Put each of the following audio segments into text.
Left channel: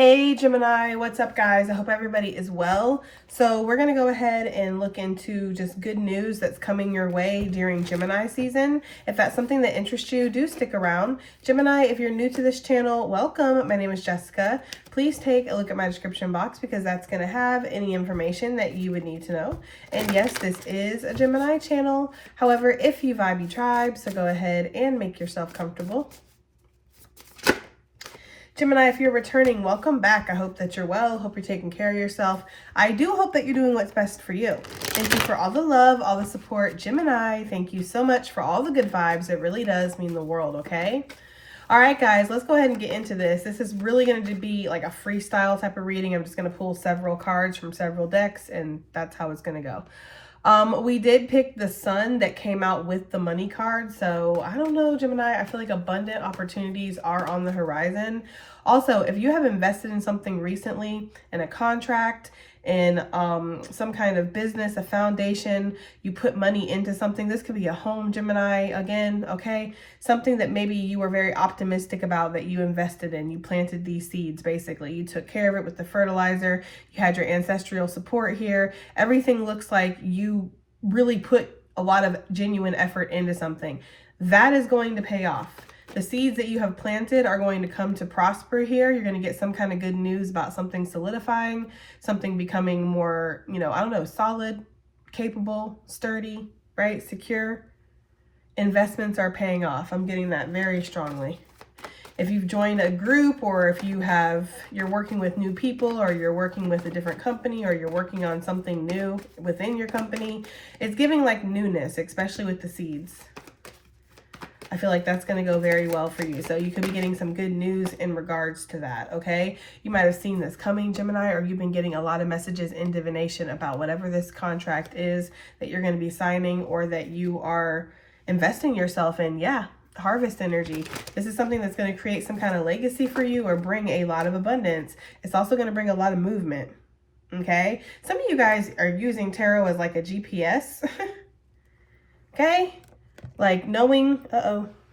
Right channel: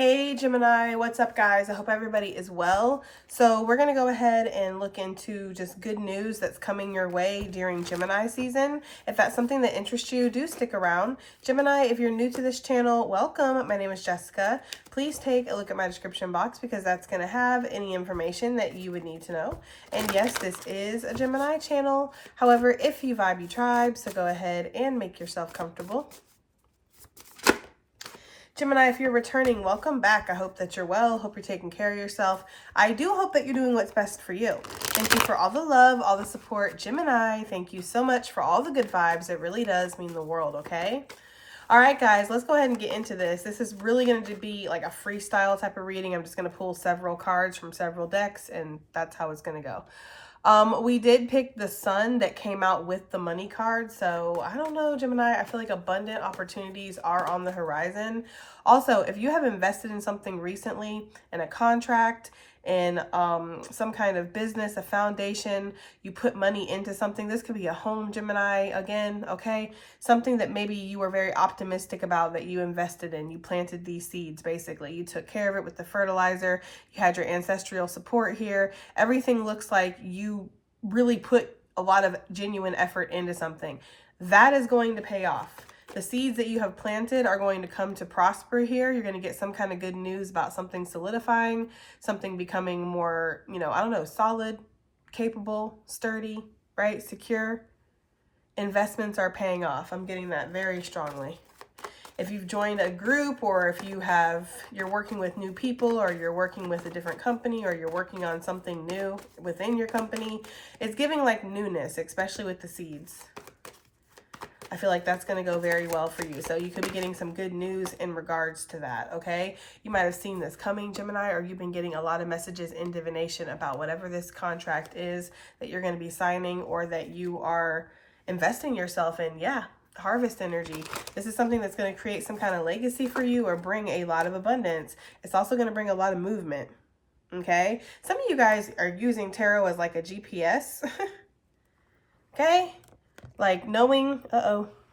Hey Gemini, what's up guys? I hope everybody is well. So we're going to go ahead and look into just good news that's coming your way during Gemini season. If that's something that interests you, do stick around. Gemini, if you're new to this channel, welcome. My name is Jessica. Please take a look at my description box because that's going to have any information that you would need to know. And yes, this is a Gemini channel. However, if you vibe, you tribe, so go ahead and make yourself comfortable. Gemini, if you're returning, welcome back. I hope that you're well. Hope you're taking care of yourself. I do hope that you're doing what's best for you. Thank you for all the love, all the support. Gemini, thank you so much for all the good vibes. It really does mean the world, okay? All right, guys, let's go ahead and get into this. This is really going to be like a freestyle type of reading. I'm just going to pull several cards from several decks, and that's how it's going to go. We did pick the sun that came out with the money card. So I don't know, Gemini, I feel like abundant opportunities are on the horizon. Also, if you have invested in something recently, in a contract, in some kind of business, a foundation, you put money into something, this could be a home, Gemini, again, okay? Something that maybe you were very optimistic about that you invested in. You planted these seeds, basically. You took care of it with the fertilizer. You had your ancestral support here. Everything looks like you really put a lot of genuine effort into something. That is going to pay off. The seeds that you have planted are going to come to prosper here. You're going to get some kind of good news about something solidifying, something becoming more, I don't know, solid, capable, sturdy, right? Secure. Investments are paying off. I'm getting that very strongly. If you've joined a group, or if you're working with new people, or you're working with a different company, or you're working on something new within your company, it's giving like newness, especially with the seeds. I feel like that's going to go very well for you. So you could be getting some good news in regards to that, okay? You might have seen this coming, Gemini, or you've been getting a lot of messages in Divination about whatever this contract is that you're going to be signing or that you are investing yourself in. Yeah, harvest energy. This is something that's going to create some kind of legacy for you or bring a lot of abundance. It's also going to bring a lot of movement, okay? Some of you guys are using tarot as like a GPS, okay? Like knowing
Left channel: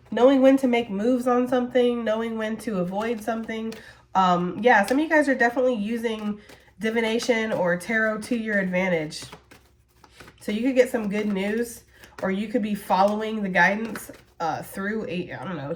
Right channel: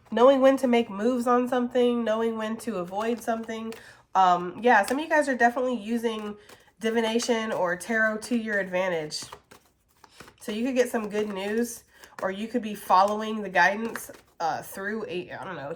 when to make moves on something, knowing when to avoid something. Yeah, some of you guys are definitely using divination or tarot to your advantage. So you could get some good news, or you could be following the guidance through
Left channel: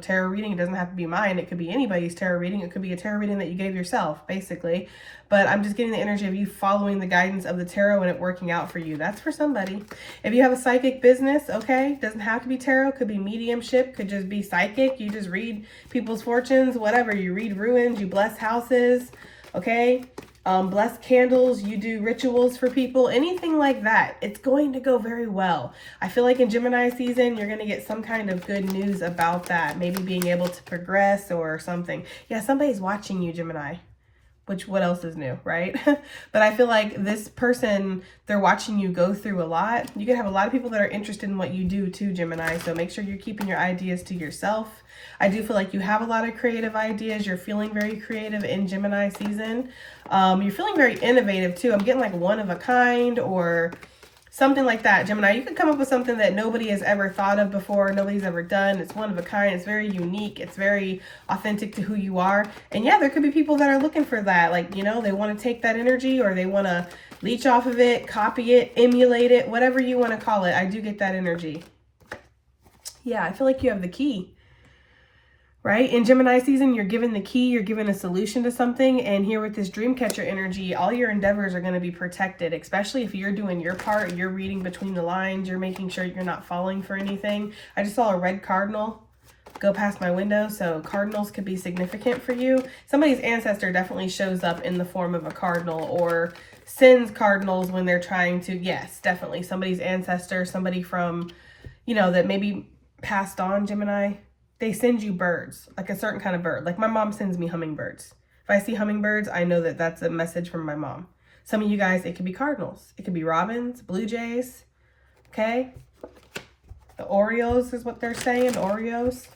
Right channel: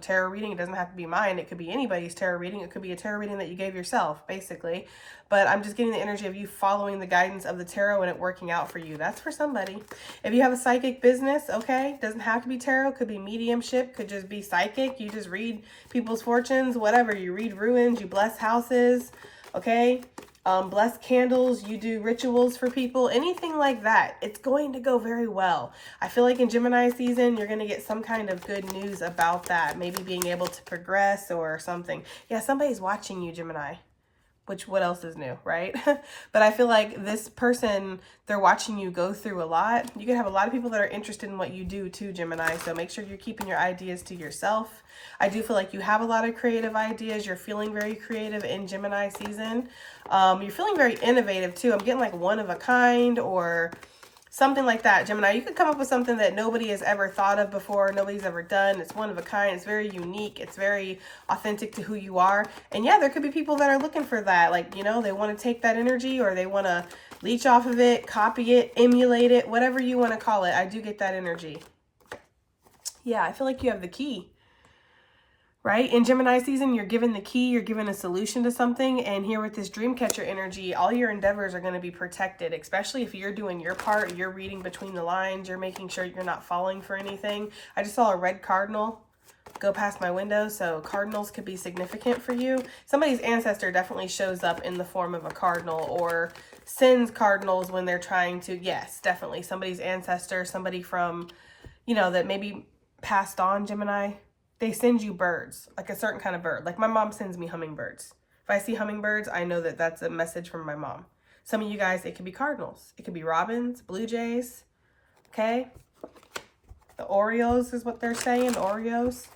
tarot reading. It doesn't have to be mine. It could be anybody's tarot reading. It could be a tarot reading that you gave yourself, basically. But I'm just getting the energy of you following the guidance of the tarot and it working out for you. That's for somebody. If you have a psychic business, okay, doesn't have to be tarot. Could be mediumship. Could just be psychic. You just read people's fortunes, whatever. You read ruins. You bless houses, okay? Bless candles, you do rituals for people, anything like that. It's going to go very well. I feel like in Gemini season, you're going to get some kind of good news about that. Maybe being able to progress or something. Yeah, somebody's watching you, Gemini. Which, what else is new, right? But I feel like this person, they're watching you go through a lot. You could have a lot of people that are interested in what you do too, Gemini. So make sure you're keeping your ideas to yourself. I do feel like you have a lot of creative ideas. You're feeling very creative in Gemini season. You're feeling very innovative too. I'm getting like one of a kind or something like that, Gemini. You could come up with something that nobody has ever thought of before, nobody's ever done. It's one of a kind. It's very unique. It's very authentic to who you are. And yeah, there could be people that are looking for that. Like, they want to take that energy or they want to leech off of it, copy it, emulate it, whatever you want to call it. I do get that energy. Yeah, I feel like you have the key. Right? In Gemini season, you're given the key, you're given a solution to something. And here with this dream catcher energy, all your endeavors are going to be protected, especially if you're doing your part, you're reading between the lines, you're making sure you're not falling for anything. I just saw a red cardinal go past my window, so cardinals could be significant for you. Somebody's ancestor definitely shows up in the form of a cardinal or sends cardinals when they're trying to, yes, definitely. Somebody's ancestor, somebody from, that maybe passed on, Gemini. They send you birds, like a certain kind of bird. Like my mom sends me hummingbirds. If I see hummingbirds, I know that that's a message from my mom. Some of you guys, it could be cardinals. It could be robins, blue jays, okay? The Oreos is what they're saying, Oreos.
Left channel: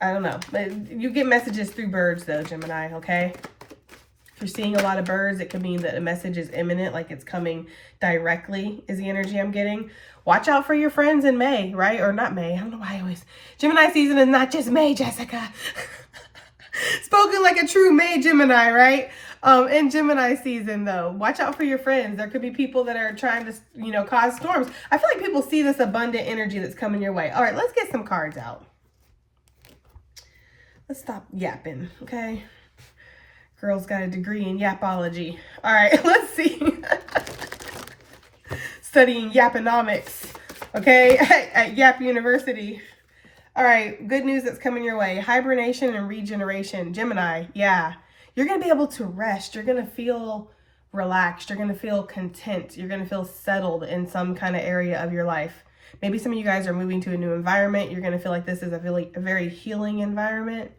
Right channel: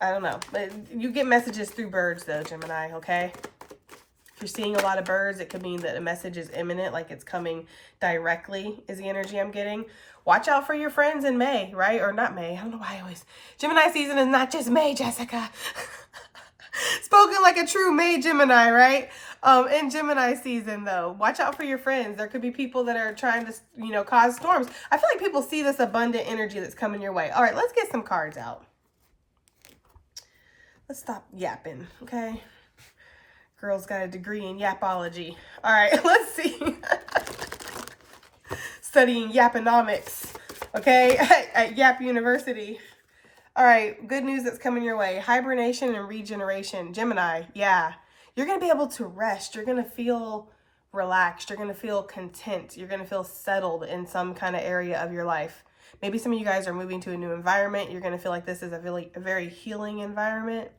I don't know. You get messages through birds though, Gemini, okay? If you're seeing a lot of birds, it could mean that a message is imminent, like it's coming directly is the energy I'm getting. Watch out for your friends in May, right? Or not May. I don't know why I always... Gemini season is not just May, Jessica. Spoken like a true May Gemini, right? In Gemini season, though, watch out for your friends. There could be people that are trying to, you know, cause storms. I feel like people see this abundant energy that's coming your way. All right, let's get some cards out. Let's stop yapping, okay? Girl's got a degree in yapology. All right, let's see. Studying yaponomics, okay, at Yap University. All right, good news that's coming your way. Hibernation and regeneration. Gemini, yeah. You're going to be able to rest. You're going to feel relaxed. You're going to feel content. You're going to feel settled in some kind of area of your life. Maybe some of you guys are moving to a new environment. You're going to feel like this is a very healing environment,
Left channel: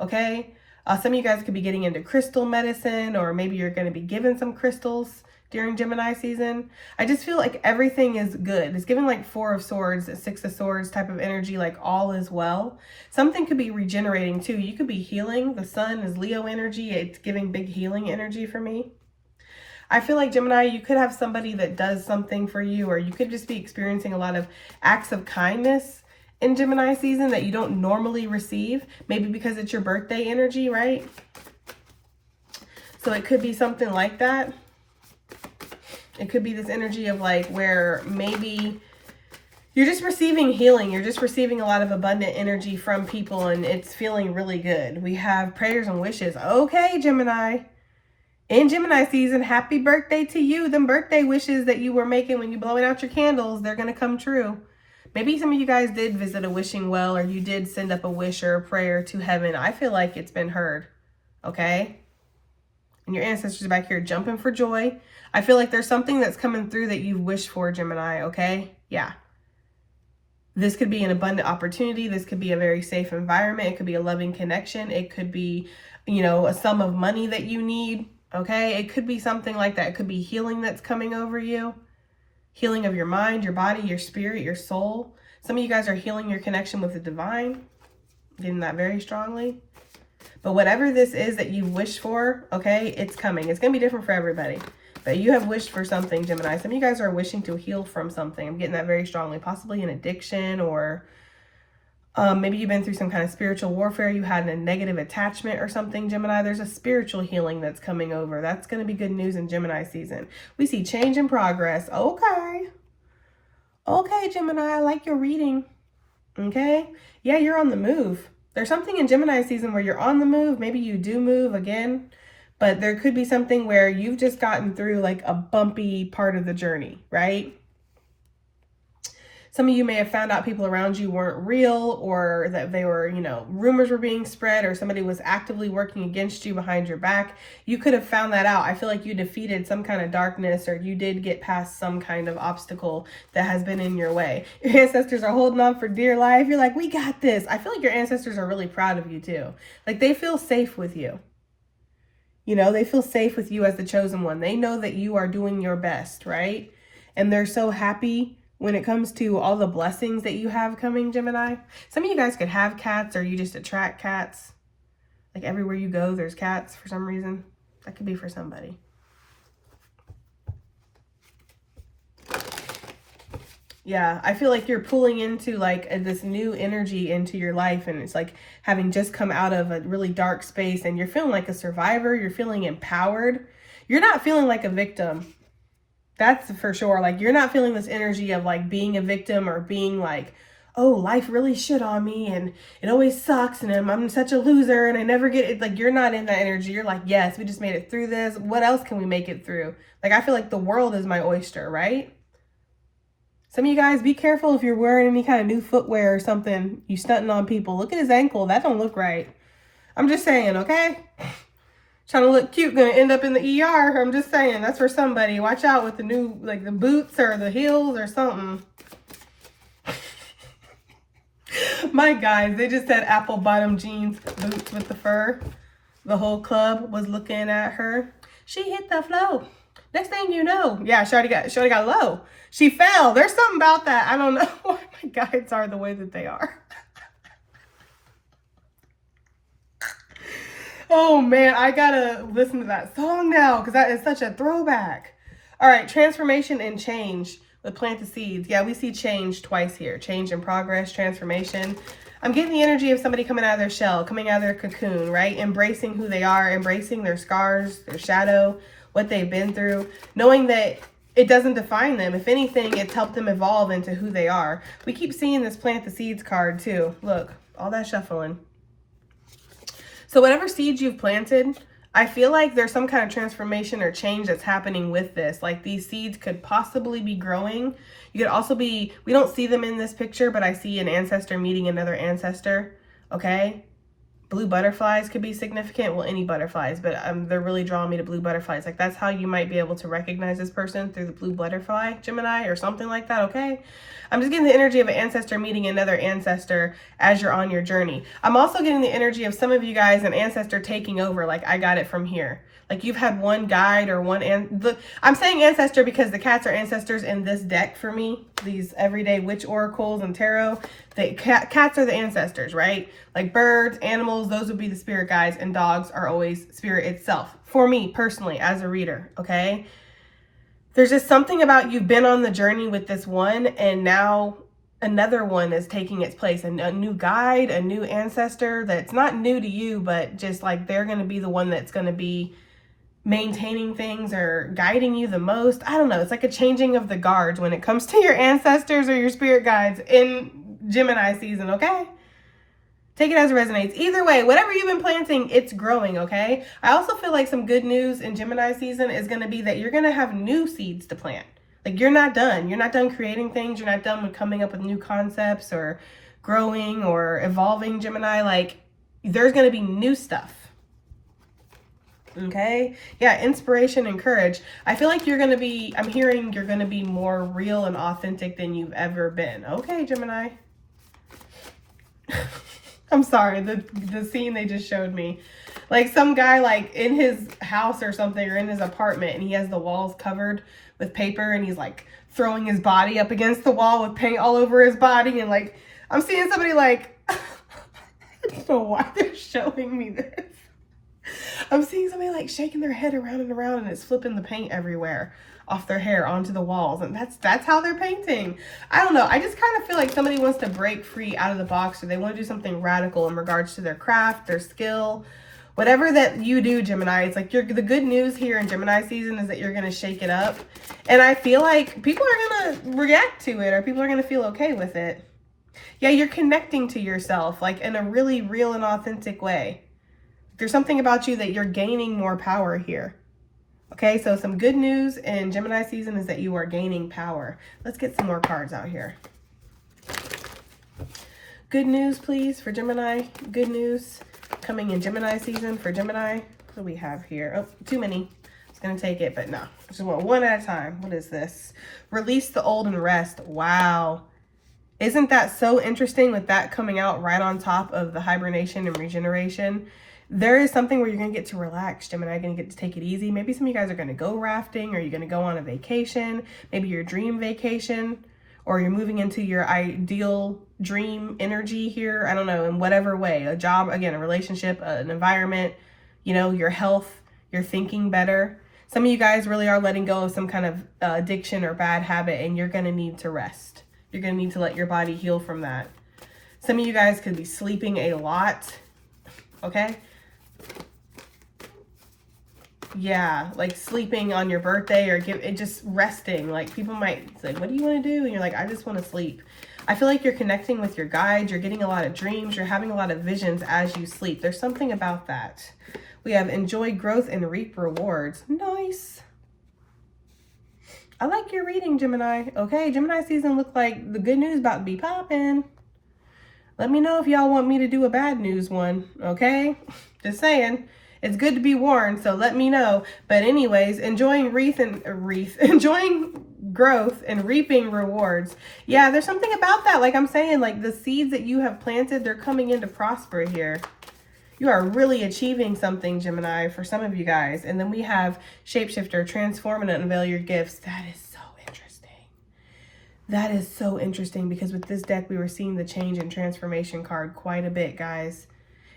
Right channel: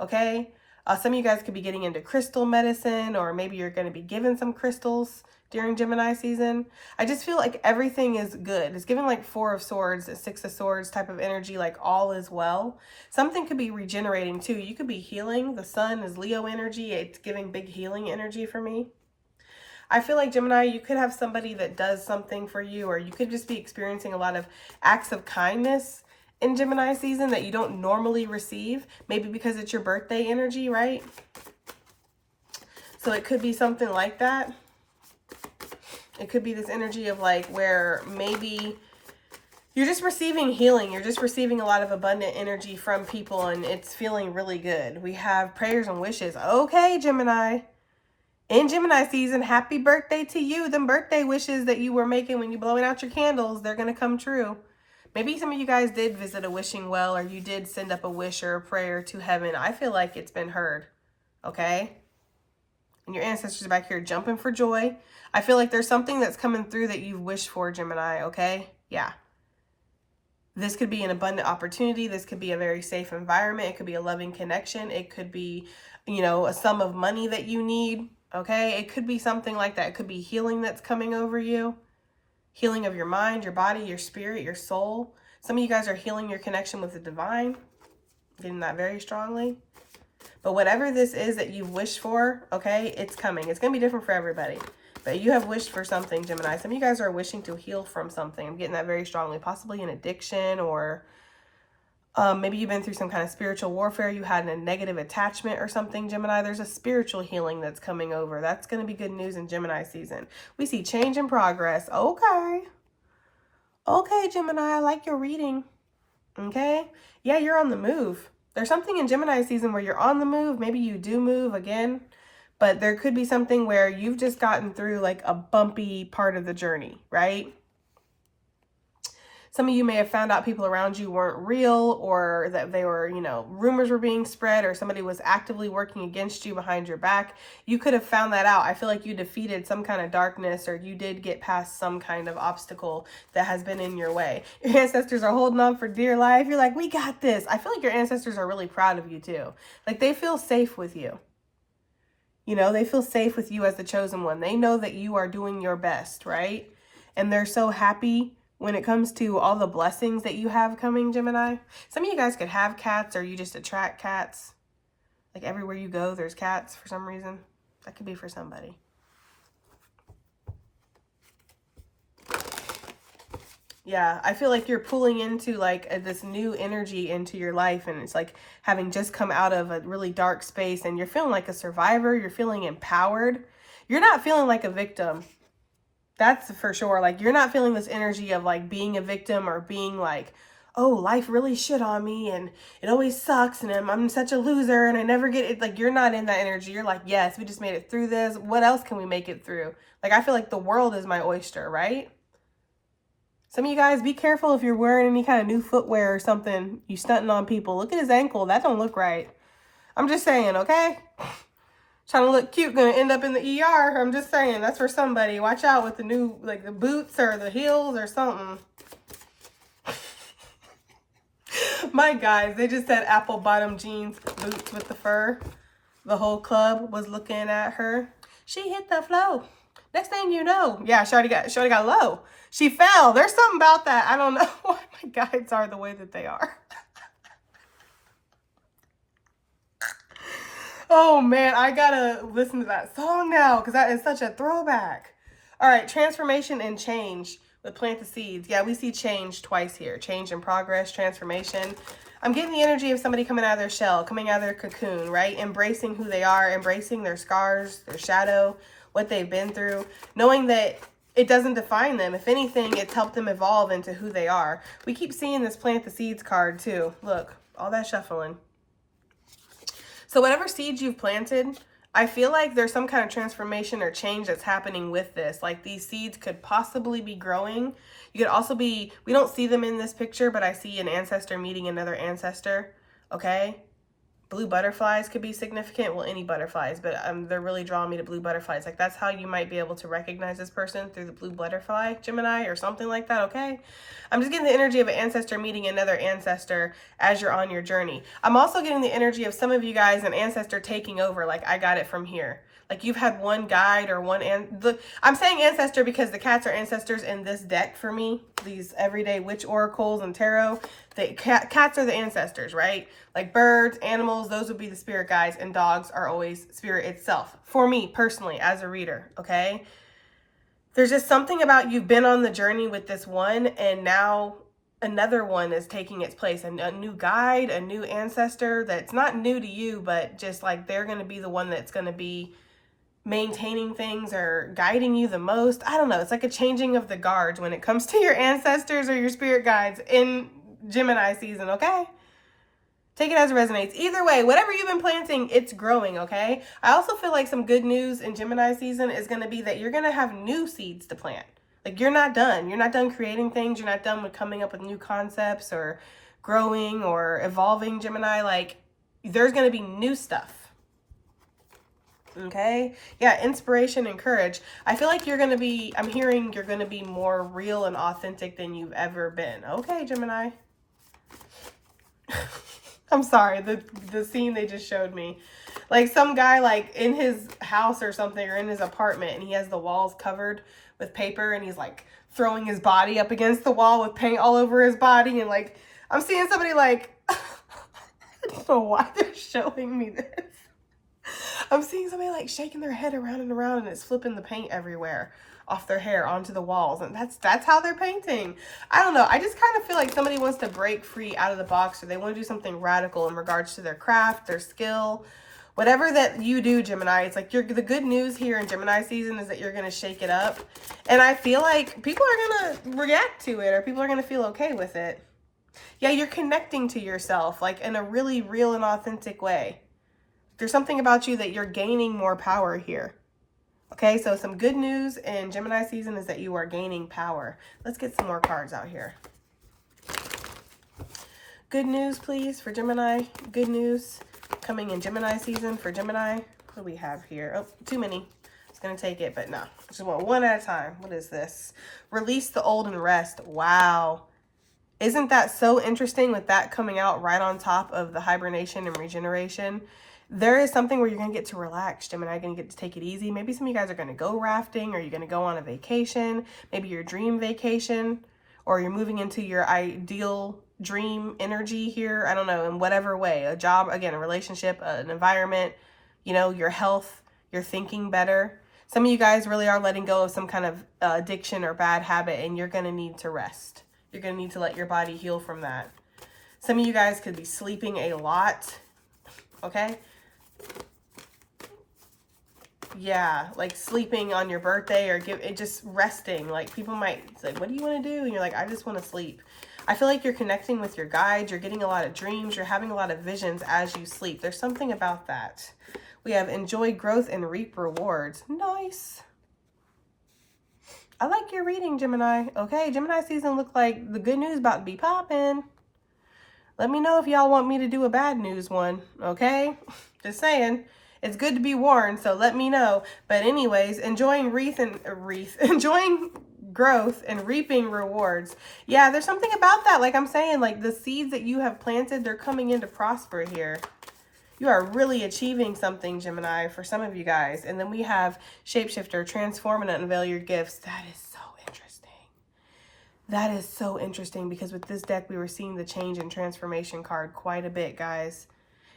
okay? Some of you guys could be getting into crystal medicine, or maybe you're going to be given some crystals during Gemini season. I just feel like everything is good. It's giving like 4 of Swords, 6 of Swords type of energy, like all is well. Something could be regenerating too. You could be healing. The sun is Leo energy. It's giving big healing energy for me. I feel like Gemini, you could have somebody that does something for you, or you could just be experiencing a lot of acts of kindness in Gemini season that you don't normally receive, maybe because it's your birthday energy, right? So it could be something like that. It could be this energy of like where maybe you're just receiving healing. You're just receiving a lot of abundant energy from people, and it's feeling really good. We have prayers and wishes. Okay, Gemini. In Gemini season, happy birthday to you. Them birthday wishes that you were making when you blowing out your candles, they're going to come true. Maybe some of you guys did visit a wishing well, or you did send up a wish or a prayer to heaven. I feel like it's been heard, okay? And your ancestors back here jumping for joy. I feel like there's something that's coming through that you've wished for, Gemini, okay? Yeah. This could be an abundant opportunity. This could be a very safe environment. It could be a loving connection. It could be, you know, a sum of money that you need, okay? It could be something like that. It could be healing that's coming over you. Healing of your mind, your body, your spirit, your soul. Some of you guys are healing your connection with the divine. Getting that very strongly. But whatever this is that you wish for, okay, it's coming. It's going to be different for everybody. But you have wished for something, Gemini. Some of you guys are wishing to heal from something. I'm getting that very strongly. Possibly an addiction, or maybe you've been through some kind of spiritual warfare. You had a negative attachment or something, Gemini. There's a spiritual healing that's coming over. That's going to be good news in Gemini season. We see change and progress. Okay. Okay, Gemini, I like your reading. Okay. Yeah, you're on the move. There's something in Gemini season where you're on the move. Maybe you do move again. But there could be something where you've just gotten through like a bumpy part of the journey, right? Some of you may have found out people around you weren't real, or that they were, you know, rumors were being spread, or somebody was actively working against you behind your back. You could have found that out. I feel like you defeated some kind of darkness, or you did get past some kind of obstacle that has been in your way. Your ancestors are holding on for dear life. You're like, we got this. I feel like your ancestors are really proud of you too. Like they feel safe with you. You know, they feel safe with you as the chosen one. They know that you are doing your best, right? And they're so happy when it comes to all the blessings that you have coming, Gemini. Some of you guys could have cats, or you just attract cats. Like everywhere you go, there's cats for some reason. That could be for somebody. Yeah, I feel like you're pulling into like this new energy into your life, and it's like having just come out of a really dark space, and you're feeling like a survivor. You're feeling empowered. You're not feeling like a victim. That's for sure. Like you're not feeling this energy of like being a victim, or being like, oh, life really shit on me and it always sucks and I'm such a loser and I never get it. Like you're not in that energy. You're like, yes, we just made it through this. What else can we make it through? Like I feel like the world is my oyster, right? Some of you guys, be careful if you're wearing any kind of new footwear or something. You stunting on people. Look at his ankle. That don't look right. I'm just saying, okay? Trying to look cute, gonna end up in the ER. I'm just saying, that's for somebody. Watch out with the new, like the boots or the heels or something. My guys, they just said apple bottom jeans, boots with the fur. The whole club was looking at her. She hit the flow. Next thing you know, yeah, Shorty got low. She fell. There's something about that. I don't know why my guides are the way that they are. Oh man, I gotta listen to that song now because that is such a throwback. All right, transformation and change with plant the seeds. Yeah, we see change twice here. Change and progress, transformation. I'm getting the energy of somebody coming out of their shell, coming out of their cocoon, right? Embracing who they are, embracing their scars, their shadow, what they've been through, knowing that it doesn't define them. If anything, it's helped them evolve into who they are. We keep seeing this plant the seeds card too. Look, all that shuffling. So whatever seeds you've planted, I feel like there's some kind of transformation or change that's happening with this. Like these seeds could possibly be growing. You could also be, we don't see them in this picture, but I see an ancestor meeting another ancestor, okay? Blue butterflies could be significant. Well, any butterflies, but they're really drawing me to blue butterflies. Like that's how you might be able to recognize this person, through the blue butterfly, Gemini, or something like that, okay? I'm just getting the energy of an ancestor meeting another ancestor as you're on your journey. I'm also getting the energy of some of you guys, an ancestor taking over. Like I got it from here. Like you've had one guide or one, I'm saying ancestor because the cats are ancestors in this deck for me. These everyday witch oracles and tarot. The cats are the ancestors, right? Like birds, animals, those would be the spirit guides, and dogs are always spirit itself. For me personally, as a reader, okay? There's just something about you've been on the journey with this one, and now another one is taking its place. A new guide, a new ancestor that's not new to you, but just like they're going to be the one that's going to be maintaining things or guiding you the most. I don't know. It's like a changing of the guards when it comes to your ancestors or your spirit guides in Gemini season, okay? Take it as it resonates. Either way, whatever you've been planting, it's growing, okay? I also feel like some good news in Gemini season is going to be that you're going to have new seeds to plant. Like you're not done. You're not done creating things. You're not done with coming up with new concepts or growing or evolving, Gemini. Like there's going to be new stuff. Okay. Yeah. Inspiration and courage. I feel like you're going to be, I'm hearing you're going to be more real and authentic than you've ever been. Okay, Gemini. I'm sorry, the scene they just showed me. Like some guy like in his house or something, or in his apartment, and he has the walls covered with paper, and he's like throwing his body up against the wall with paint all over his body. And like, I'm seeing somebody like, I don't know why they're showing me this. I'm seeing somebody like shaking their head around and around, and it's flipping the paint everywhere off their hair onto the walls, and that's how they're painting. I don't know. I just kind of feel like somebody wants to break free out of the box, or they want to do something radical in regards to their craft, their skill, whatever that you do, Gemini. It's like the good news here in Gemini season is that you're going to shake it up, and I feel like people are going to react to it, or people are going to feel okay with it. Yeah, you're connecting to yourself like in a really real and authentic way. There's something about you that you're gaining more power here. Okay, so some good news in Gemini season is that you are gaining power. Let's get some more cards out here. Good news, please, for Gemini. Good news coming in Gemini season for Gemini. What do we have here? Oh, too many. I was going to take it, but no. I just want one at a time. What is this? Release the old and rest. Wow. Isn't that so interesting with that coming out right on top of the hibernation and regeneration? There is something where you're going to get to relax, Gemini. You're going to get to take it easy. Maybe some of you guys are going to go rafting, or you're going to go on a vacation, maybe your dream vacation, or you're moving into your ideal dream energy here. I don't know, in whatever way, a job, again, a relationship, an environment, you know, your health, you're thinking better. Some of you guys really are letting go of some kind of addiction or bad habit, and you're going to need to rest. You're going to need to let your body heal from that. Some of you guys could be sleeping a lot, okay? Yeah, like sleeping on your birthday, or just resting. Like people might say, what do you want to do? And you're like, I just want to sleep. I feel like you're connecting with your guides. You're getting a lot of dreams. You're having a lot of visions as you sleep. There's something about that. We have enjoy growth and reap rewards. Nice. I like your reading, Gemini. Okay, Gemini season look like the good news about to be popping. Let me know if y'all want me to do a bad news one, okay? Just saying. It's good to be warned, so let me know. But anyways, enjoying enjoying growth and reaping rewards. Yeah, there's something about that. Like I'm saying, like the seeds that you have planted, they're coming in to prosper here. You are really achieving something, Gemini, for some of you guys. And then we have Shapeshifter, transform and unveil your gifts. That is so interesting. That is so interesting, because with this deck, we were seeing the change and transformation card quite a bit, guys.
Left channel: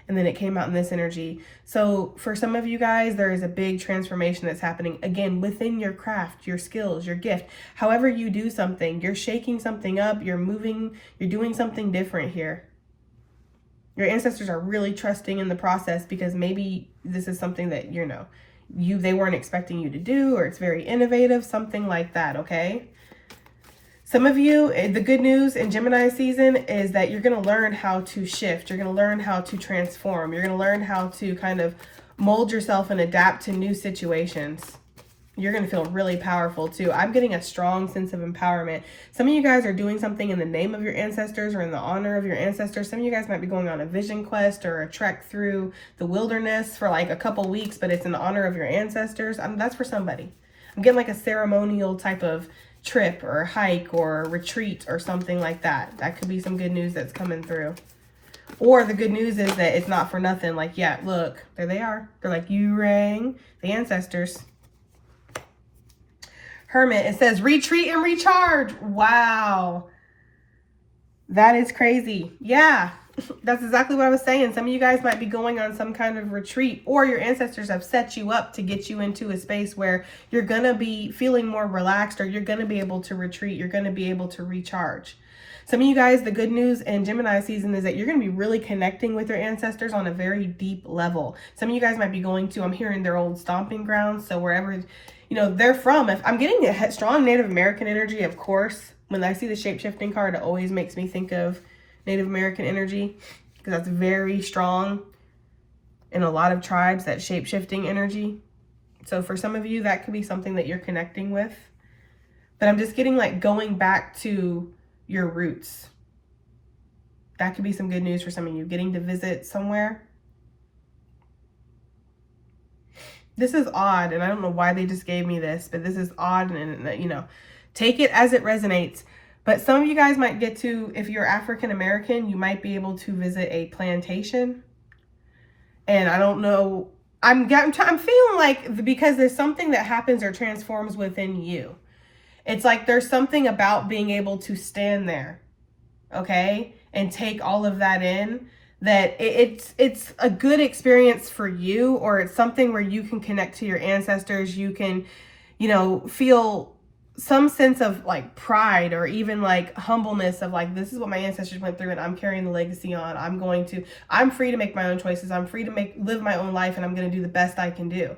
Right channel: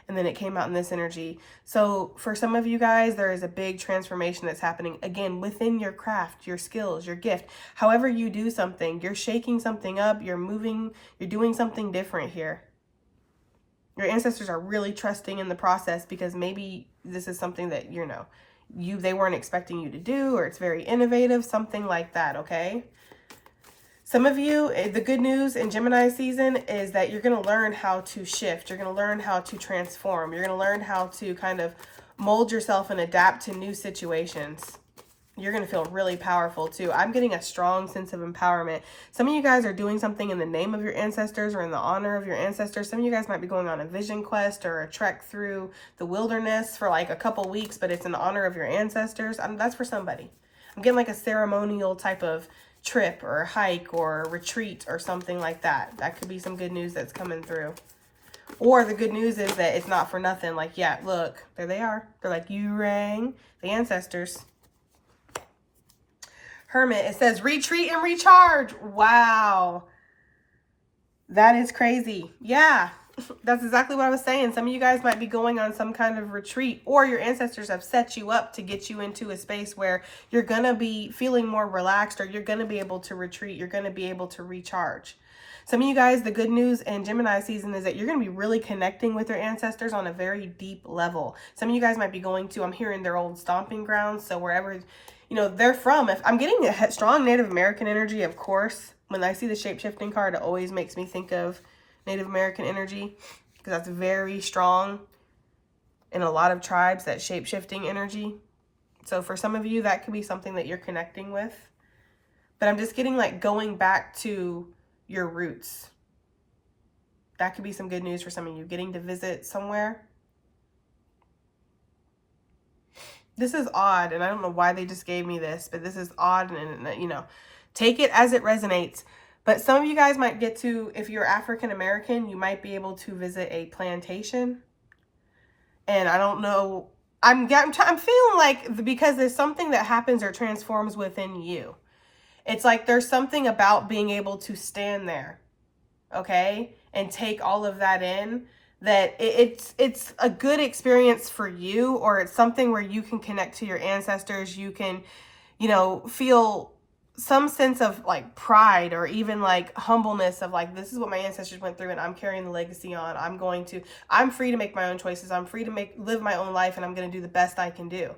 And then it came out in this energy. So for some of you guys, there is a big transformation that's happening, again, within your craft, your skills, your gift. However you do something, you're shaking something up, you're moving, you're doing something different here. Your ancestors are really trusting in the process because maybe this is something that, they weren't expecting you to do, or it's very innovative, something like that, okay? Some of you, the good news in Gemini season is that you're going to learn how to shift. You're going to learn how to transform. You're going to learn how to kind of mold yourself and adapt to new situations. You're going to feel really powerful too. I'm getting a strong sense of empowerment. Some of you guys are doing something in the name of your ancestors or in the honor of your ancestors. Some of you guys might be going on a vision quest or a trek through the wilderness for like a couple weeks, but it's in honor of your ancestors. That's for somebody. I'm getting like a ceremonial type of trip or hike or retreat or something like that. That could be some good news that's coming through. Or the good news is that it's not for nothing. Like, yeah, look, there they are. They're like, you rang the ancestors. Hermit, it says retreat and recharge. Wow. That is crazy. Yeah, that's exactly what I was saying. Some of you guys might be going on some kind of retreat, or your ancestors have set you up to get you into a space where you're going to be feeling more relaxed, or you're going to be able to retreat. You're going to be able to recharge. Some of you guys, the good news in Gemini season is that you're going to be really connecting with your ancestors on a very deep level. Some of you guys might be going to, I'm hearing, their old stomping grounds. So wherever they're from. If I'm getting a strong Native American energy, of course. When I see the shape-shifting card, it always makes me think of Native American energy, because that's very strong in a lot of tribes, that shape-shifting energy. So for some of you, that could be something that you're connecting with. But I'm just getting like going back to your roots. That could be some good news for some of you, getting to visit somewhere. This is odd, and I don't know why they just gave me this, but this is odd, and take it as it resonates. But some of you guys might get to, if you're African American, you might be able to visit a plantation. And I don't know, I'm feeling like, because there's something that happens or transforms within you. It's like there's something about being able to stand there, okay, and take all of that in, that it's a good experience for you, or it's something where you can connect to your ancestors. You can, feel some sense of like pride, or even like humbleness of like, this is what my ancestors went through and I'm carrying the legacy on. I'm free to make my own choices. I'm free to live my own life, and I'm going to do the best I can do.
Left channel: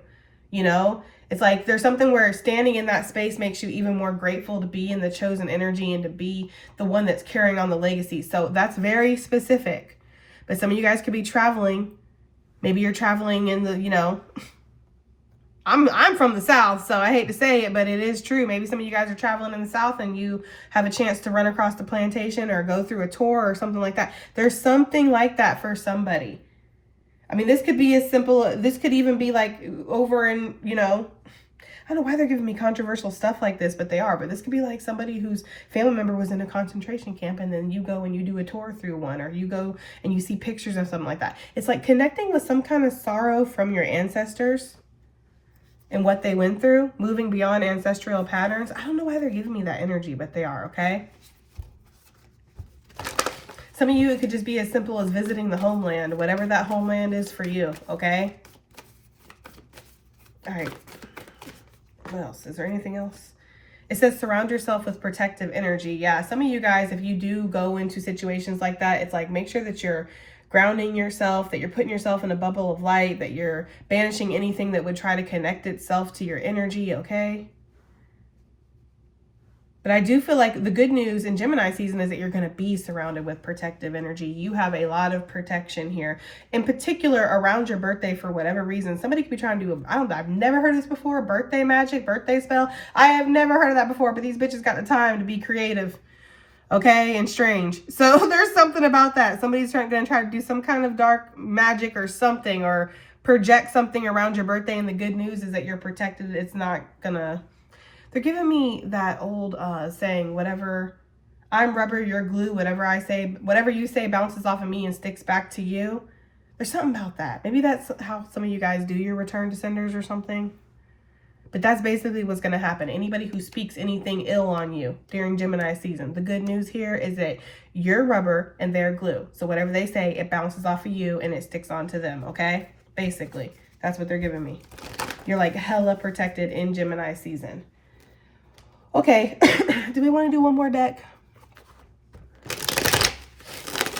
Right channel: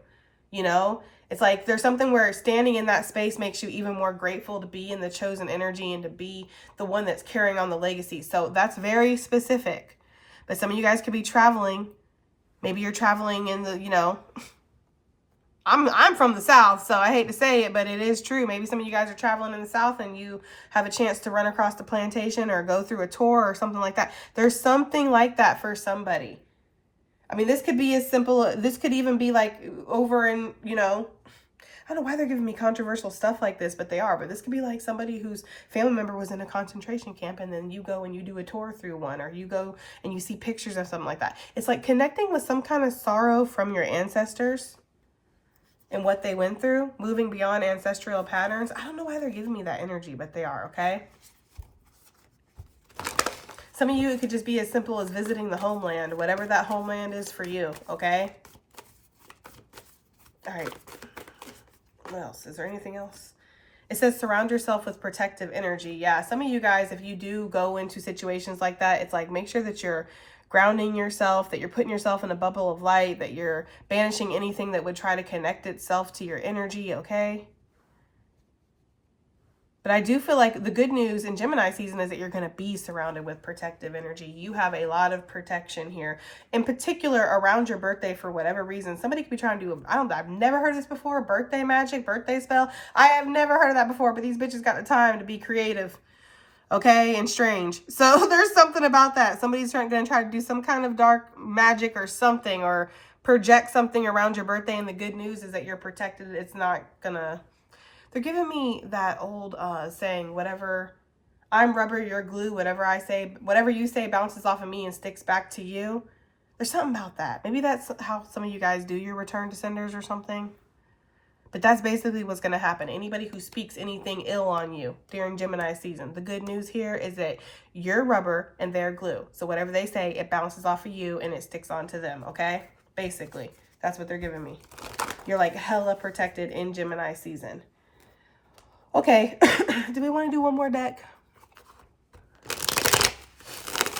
It's like there's something where standing in that space makes you even more grateful to be in the chosen energy and to be the one that's carrying on the legacy. So that's very specific. But some of you guys could be traveling. Maybe you're traveling in the, I'm from the South, so I hate to say it, but it is true. Maybe some of you guys are traveling in the South and you have a chance to run across the plantation or go through a tour or something like that. There's something like that for somebody. I mean, this could be as simple, this could even be like over in, I don't know why they're giving me controversial stuff like this, but they are. But this could be like somebody whose family member was in a concentration camp, and then you go and you do a tour through one, or you go and you see pictures of something like that. It's like connecting with some kind of sorrow from your ancestors and what they went through, moving beyond ancestral patterns. I don't know why they're giving me that energy, but they are, okay? Some of you, it could just be as simple as visiting the homeland, whatever that homeland is for you, okay? All right. What else? Is there anything else? It says surround yourself with protective energy. Yeah, some of you guys, if you do go into situations like that, it's like make sure that you're grounding yourself, that you're putting yourself in a bubble of light, that you're banishing anything that would try to connect itself to your energy, okay? But I do feel like the good news in Gemini season is that you're going to be surrounded with protective energy. You have a lot of protection here, in particular around your birthday. For whatever reason, somebody could be trying to do I've never heard of this before. Birthday magic, birthday spell. I have never heard of that before, but these bitches got the time to be creative, okay, and strange. So there's something about that. Somebody's going to try to do some kind of dark magic or something, or project something around your birthday. And the good news is that you're protected. It's not gonna. They're giving me that old saying, whatever, I'm rubber, you're glue, whatever I say, whatever you say bounces off of me and sticks back to you. There's something about that. Maybe that's how some of you guys do your return to senders or something. But that's basically what's going to happen. Anybody who speaks anything ill on you during Gemini season, the good news here is that you're rubber and they're glue. So whatever they say, it bounces off of you and it sticks onto them, okay? Basically, that's what they're giving me. You're like hella protected in Gemini season. Okay, do we want to do one more deck?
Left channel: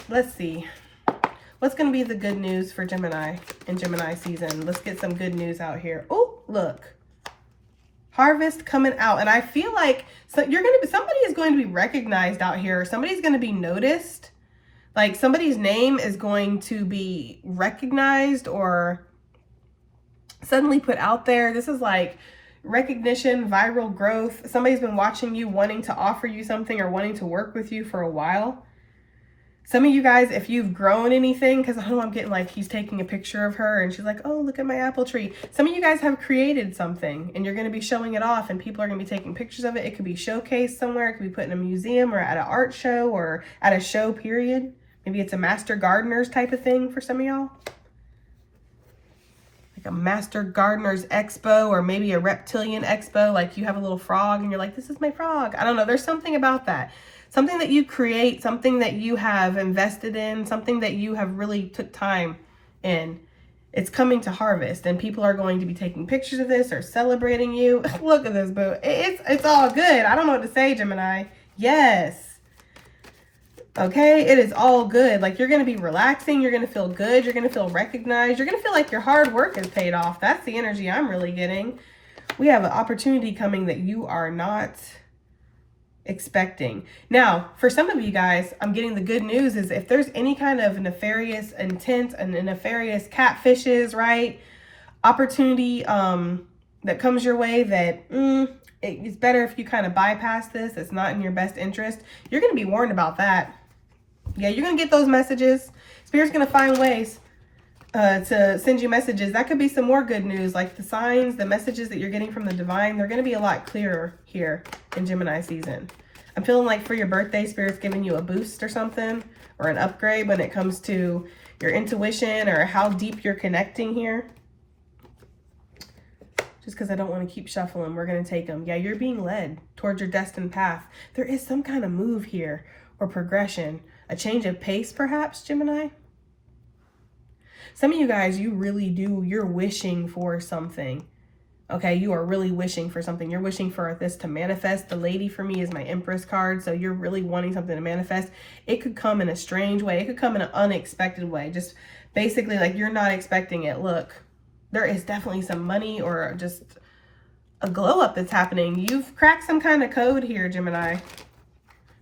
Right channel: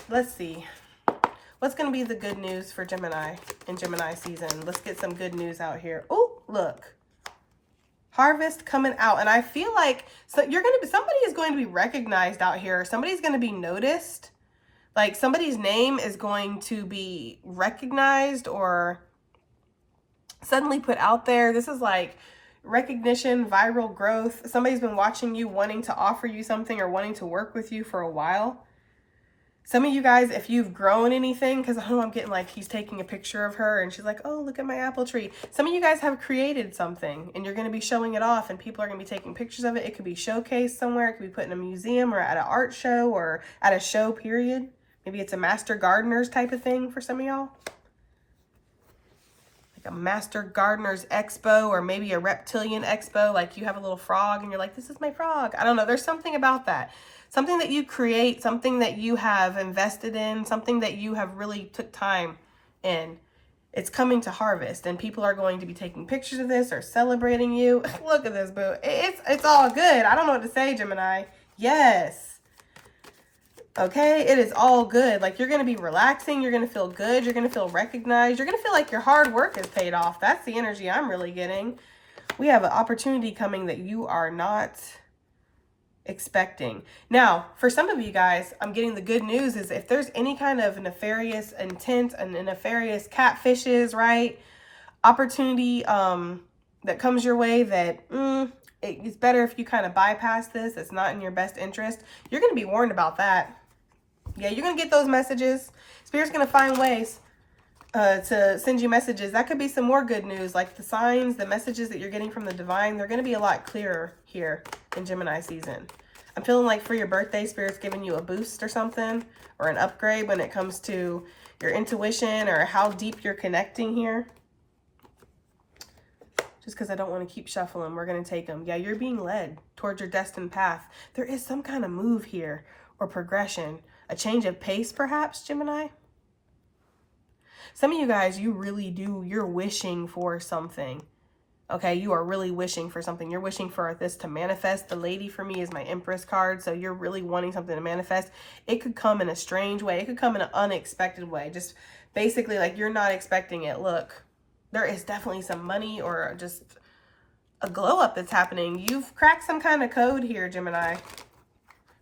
Let's see. What's going to be the good news for Gemini in Gemini season? Let's get some good news out here. Oh, look. Harvest coming out. And I feel like somebody is going to be recognized out here. Somebody's going to be noticed. Like somebody's name is going to be recognized or suddenly put out there. This is like recognition, viral growth. Somebody's been watching you, wanting to offer you something or wanting to work with you for a while. Some of you guys, if you've grown anything, because I'm getting like he's taking a picture of her and she's like, oh, look at my apple tree. Some of you guys have created something and you're going to be showing it off and people are going to be taking pictures of it. It could be showcased somewhere. It could be put in a museum or at an art show or at a show, period. Maybe it's a Master Gardeners type of thing for some of y'all. Like a Master Gardeners Expo or maybe a reptilian expo. Like you have a little frog and you're like, this is my frog. I don't know. There's something about that. Something that you create, something that you have invested in, something that you have really took time in. It's coming to harvest and people are going to be taking pictures of this or celebrating you. Look at this, boo. It's all good. I don't know what to say, Gemini. Yes. Okay, it is all good. Like you're going to be relaxing. You're going to feel good. You're going to feel recognized. You're going to feel like your hard work is paid off. That's the energy I'm really getting. We have an opportunity coming that you are not expecting. Now, for some of you guys, I'm getting the good news is if there's any kind of nefarious intent and nefarious catfishes, right? Opportunity that comes your way that it's better if you kind of bypass this. It's not in your best interest. You're going to be warned about that. Yeah, you're going to get those messages. Spirit's going to find ways to send you messages. That could be some more good news, like the signs, the messages that you're getting from the divine. They're going to be a lot clearer here in Gemini season. I'm feeling like for your birthday, Spirit's giving you a boost or something, or an upgrade when it comes to your intuition or how deep you're connecting here. Just because I don't want to keep shuffling, we're going to take them. Yeah, you're being led towards your destined path. There is some kind of move here or progression, a change of pace perhaps, Gemini. Some of you guys, you really do, you're wishing for something. Okay, you are really wishing for something. You're wishing for this to manifest. The lady for me is my Empress card. So you're really wanting something to manifest. It could come in a strange way. It could come in an unexpected way. Just basically like you're not expecting it. Look, there is definitely some money or just a glow up that's happening. You've cracked some kind of code here, Gemini,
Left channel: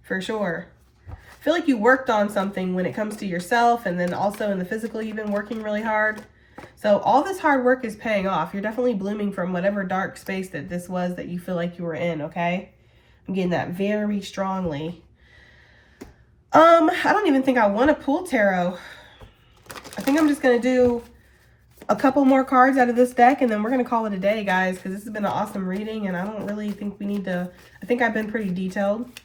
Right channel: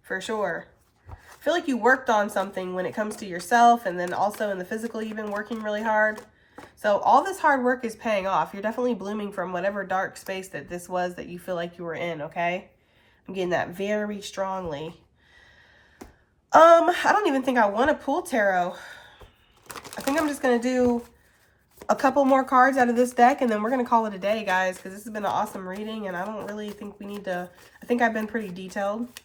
for sure. I feel like you worked on something when it comes to yourself and then also in the physical, you've been working really hard. So all this hard work is paying off. You're definitely blooming from whatever dark space that this was that you feel like you were in, okay? I'm getting that very strongly. I don't even think I want to pull tarot. I think I'm just going to do a couple more cards out of this deck and then we're going to call it a day, guys, because this has been an awesome reading and I don't really think we need to, I think I've been pretty detailed.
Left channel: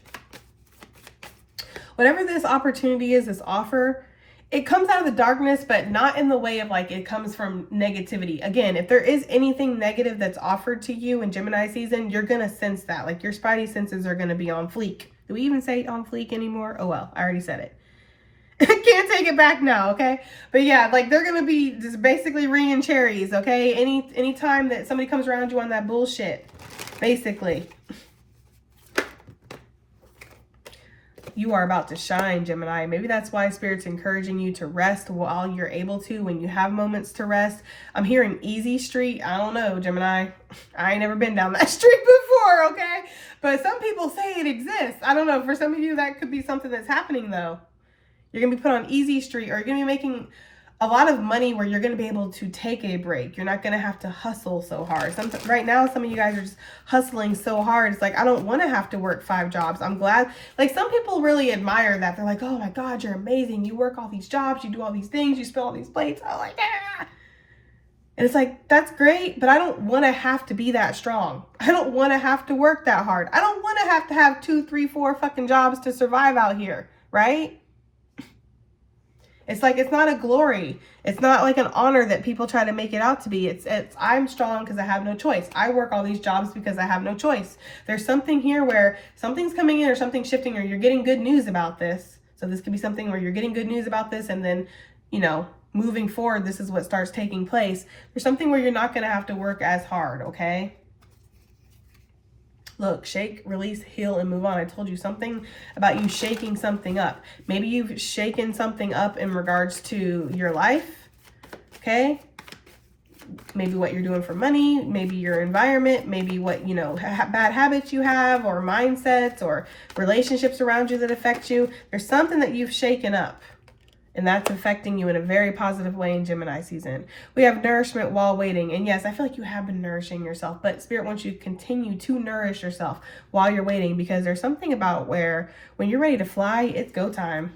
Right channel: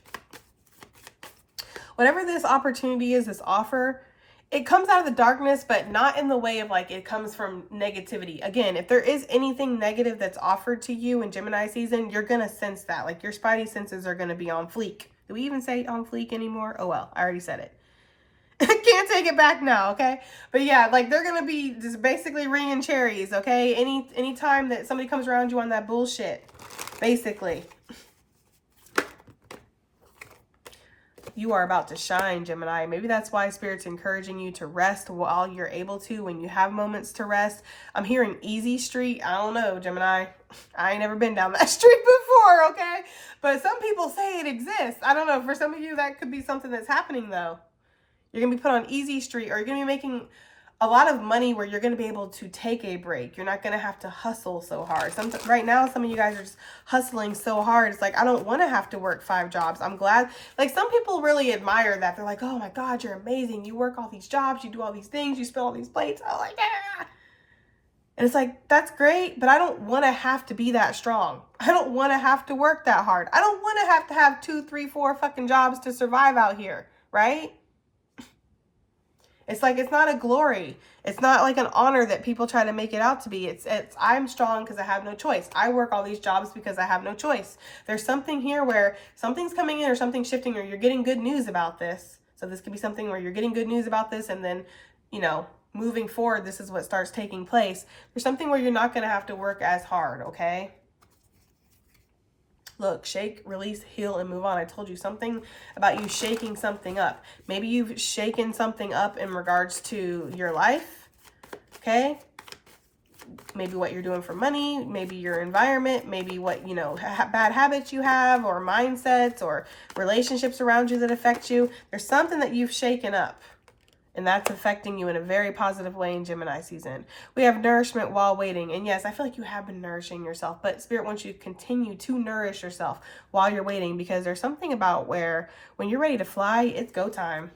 Whatever this opportunity is, this offer, it comes out of the darkness, but not in the way of like it comes from negativity. Again, if there is anything negative that's offered to you in Gemini season, you're going to sense that. Like your spidey senses are going to be on fleek. Do we even say on fleek anymore? Oh, well, I already said it. Can't take it back now, okay? But yeah, like they're going to be just basically ringing cherries, okay? Any time that somebody comes around you on that bullshit, basically. You are about to shine, Gemini. Maybe that's why Spirit's encouraging you to rest while you're able to, when you have moments to rest. I'm hearing easy street. I don't know, Gemini. I ain't never been down that street before, okay? But some people say it exists. I don't know. For some of you, that could be something that's happening, though. You're going to be put on easy street, or you're going to be making a lot of money where you're going to be able to take a break. You're not going to have to hustle so hard. Right now, some of you guys are just hustling so hard. It's like, I don't want to have to work 5 jobs. I'm glad. Like some people really admire that. They're like, oh my God, you're amazing. You work all these jobs. You do all these things. You spill all these plates. I'm like, ah. And it's like, that's great, but I don't want to have to be that strong. I don't want to have to work that hard. I don't want to have 2, 3, 4 fucking jobs to survive out here, right? It's like, it's not a glory. It's not like an honor that people try to make it out to be. It's I'm strong because I have no choice. I work all these jobs because I have no choice. There's something here where something's coming in or something's shifting or you're getting good news about this. So this could be something where you're getting good news about this and then, you know, moving forward, this is what starts taking place. There's something where you're not going to have to work as hard, okay? Look, shake, release, heal, and move on. I told you something about you shaking something up. Maybe you've shaken something up in regards to your life, okay? Maybe what you're doing for money, maybe your environment, maybe what, you know, bad habits you have, or mindsets, or relationships around you that affect you. There's something that you've shaken up, and that's affecting you in a very positive way in Gemini season. We have nourishment while waiting. And yes, I feel like you have been nourishing yourself, but Spirit wants you to continue to nourish yourself while you're waiting, because there's something about where when you're ready to fly, it's go time.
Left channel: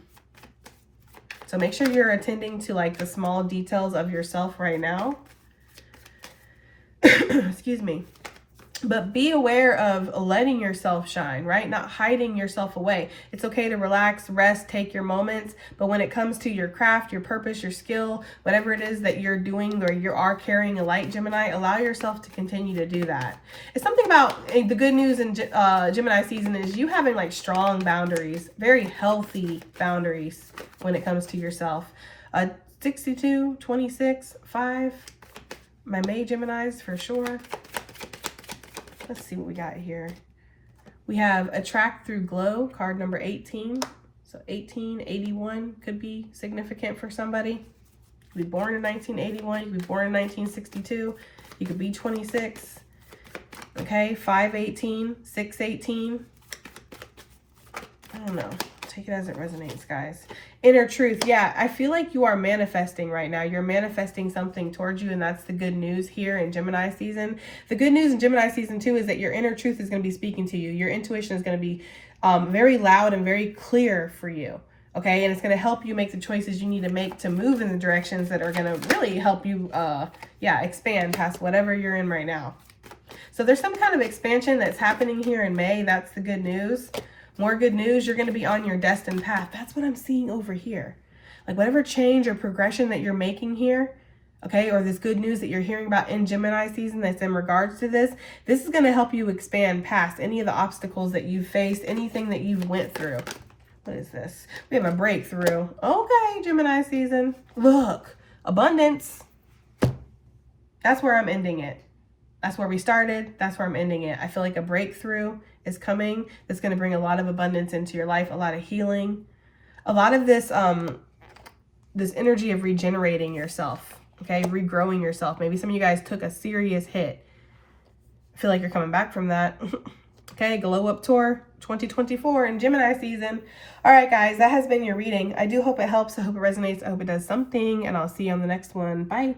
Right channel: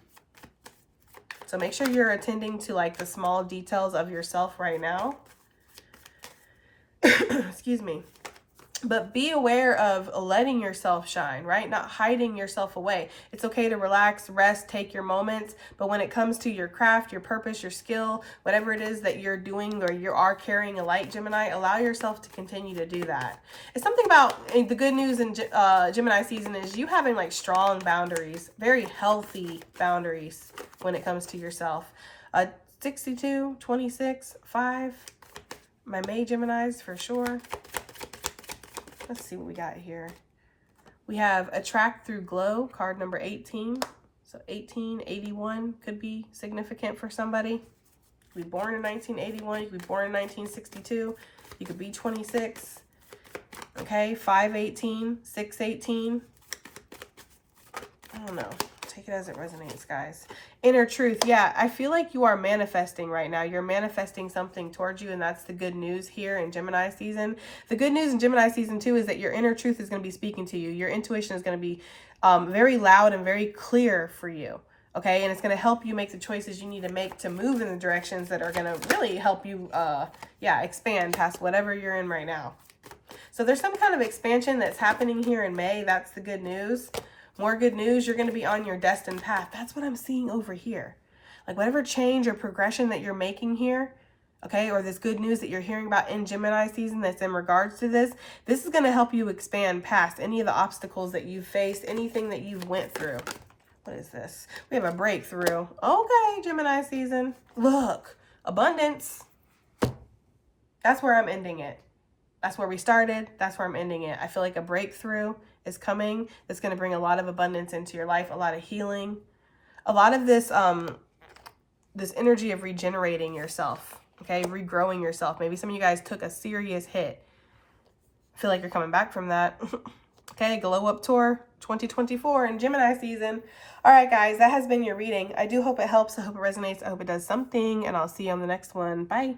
So make sure you're attending to like the small details of yourself right now. Excuse me. But be aware of letting yourself shine, right? Not hiding yourself away. It's okay to relax, rest, take your moments. But when it comes to your craft, your purpose, your skill, whatever it is that you're doing or you are carrying a light, Gemini, allow yourself to continue to do that. It's something about the good news in Gemini season is you having like strong boundaries, very healthy boundaries when it comes to yourself. 62, 26, 5. My May Geminis for sure. Let's see what we got here. We have Attract Through Glow, card number 18. So 1881 could be significant for somebody. You could be born in 1981. You could be born in 1962. You could be 26. Okay, 518, 618. I don't know. Take it as it resonates, guys. Inner truth. Yeah, I feel like you are manifesting right now. You're manifesting something towards you, and that's the good news here in Gemini season. The good news in Gemini season 2 is that your inner truth is going to be speaking to you. Your intuition is going to be very loud and very clear for you. Okay, and it's going to help you make the choices you need to make to move in the directions that are going to really help you, expand past whatever you're in right now. So there's some kind of expansion that's happening here in May. That's the good news. More good news, you're going to be on your destined path. That's what I'm seeing over here. Like whatever change or progression that you're making here, okay, or this good news that you're hearing about in Gemini season that's in regards to this is going to help you expand past any of the obstacles that you've faced, anything that you've went through. What is this? We have a breakthrough. Okay, Gemini season. Look, abundance. That's where I'm ending it. That's where we started. That's where I'm ending it. I feel like a breakthrough is coming. It's going to bring a lot of abundance into your life, a lot of healing, a lot of this this energy of regenerating yourself, okay, regrowing yourself. Maybe some of you guys took a serious hit. I feel like you're coming back from that. Okay, Glow Up Tour 2024 in Gemini season. All right, guys, that has been your reading. I do hope it helps. I hope it resonates. I hope it does something, and I'll see you on the next one. Bye.